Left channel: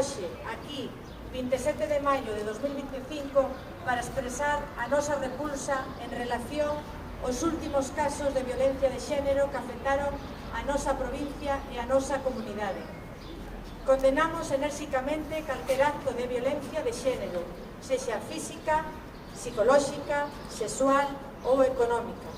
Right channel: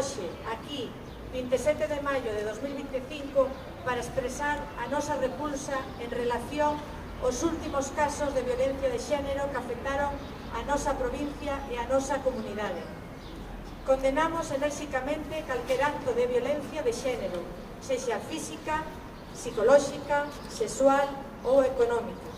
hoxe, aquí, 27 de maio de 2025, para expresar a nosa repulsa en relación aos últimos casos de violencia de xénero que afectaron a nosa provincia e a nosa comunidade. Condenamos enérxicamente calquer acto de violencia de xénero, sexa física, psicolóxica, sexual ou económico.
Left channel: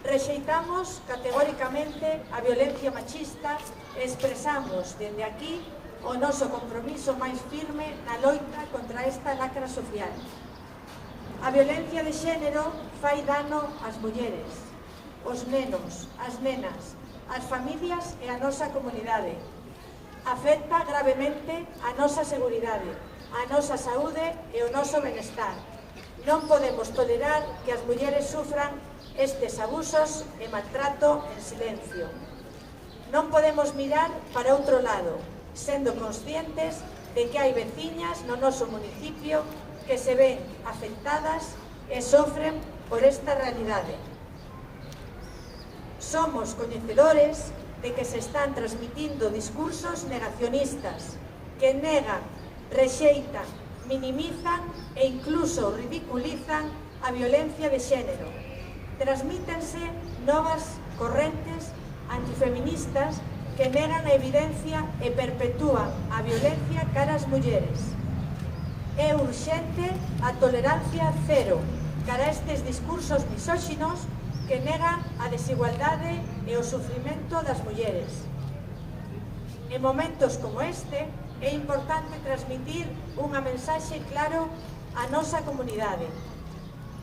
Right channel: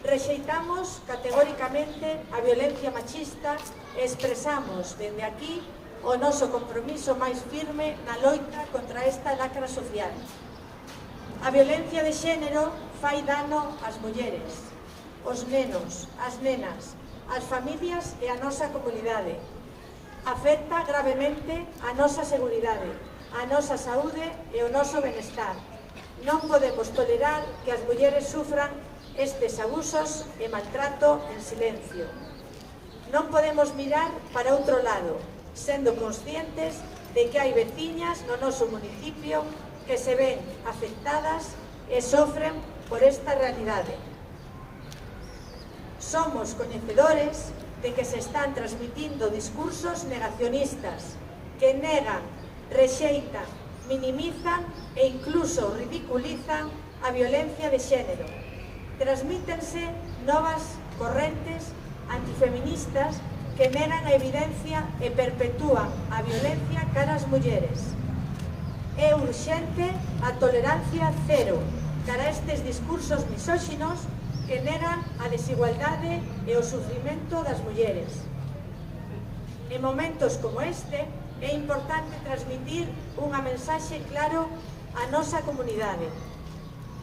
Rexeitamos categóricamente a violencia machista e expresamos dende aquí o noso compromiso máis firme na loita contra esta lacra social. A violencia de xénero fai dano ás mulleres, aos nenos, ás nenas, ás familias e á nosa comunidade. Afecta gravemente a nosa seguridade, a nosa saúde e o noso benestar. Non podemos tolerar que as mulleres sufran estes abusos e maltrato en silencio. Non podemos mirar para outro lado, sendo conscientes de que hai veciñas no noso municipio que se ven afectadas e sofren por esta realidade. Somos coñecedores de que se están transmitindo discursos negacionistas que negan, rexeitan, minimizan e incluso ridiculizan a violencia de xénero. Transmítense novas correntes antifeministas que negan a evidencia e perpetúan a violencia cara ás mulleres. É urxente a tolerancia cero cara a estes discursos misóxinos que negan a desigualdade e o sufrimento das mulleres. En momentos como este, é importante transmitir unha mensaxe claro á nosa comunidade.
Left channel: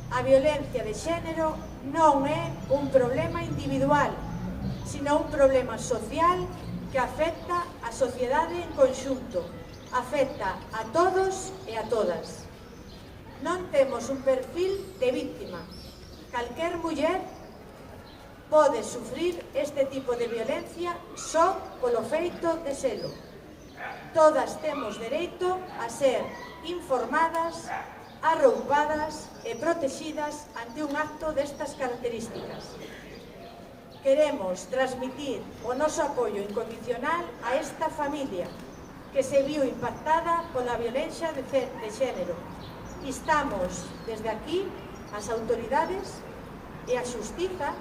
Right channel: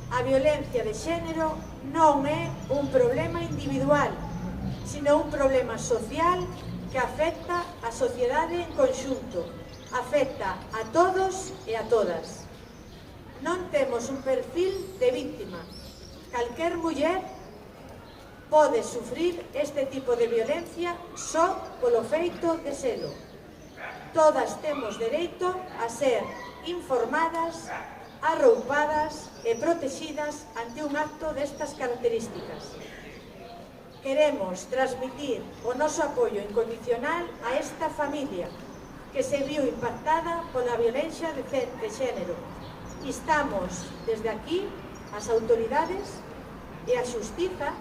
A violencia de xénero non é un problema individual, sino un problema social que afecta a sociedade en conxunto, afecta a todos e a todas. Non temos un perfil de víctima. Calquer muller pode sufrir este tipo de violencia só polo feito de selo. Todas temos dereito a ser informadas, arroupadas e protegidas ante un acto destas características. Queremos transmitir o noso apoio incondicional a esta familia que se viu impactada pola violencia de xénero. Instamos desde aquí as autoridades e a xustiza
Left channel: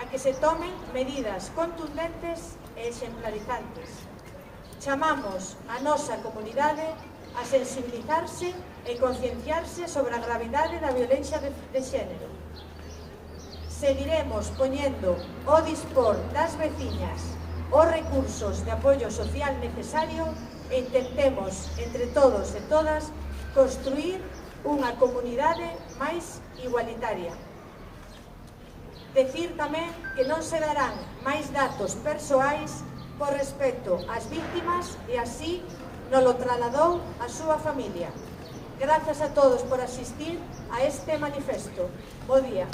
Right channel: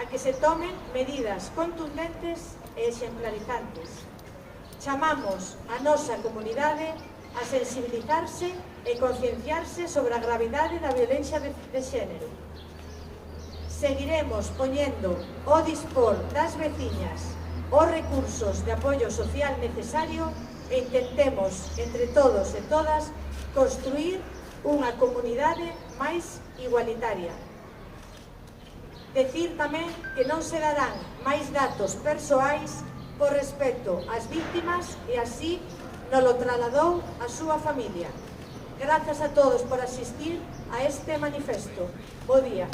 a que se tomen medidas contundentes e exemplarizantes. Chamamos a nosa comunidade a sensibilizarse e concienciarse sobre a gravidade da violencia de xénero. Seguiremos poñendo ao dispor das veciñas os recursos de apoio social necesario e intentemos, entre todos e todas, construir unha comunidade máis igualitaria. Decir tamén que non se darán máis datos persoais por respecto ás víctimas e así nolo trasladou a súa familia. Grazas a todos por asistir a este manifesto. Bo día.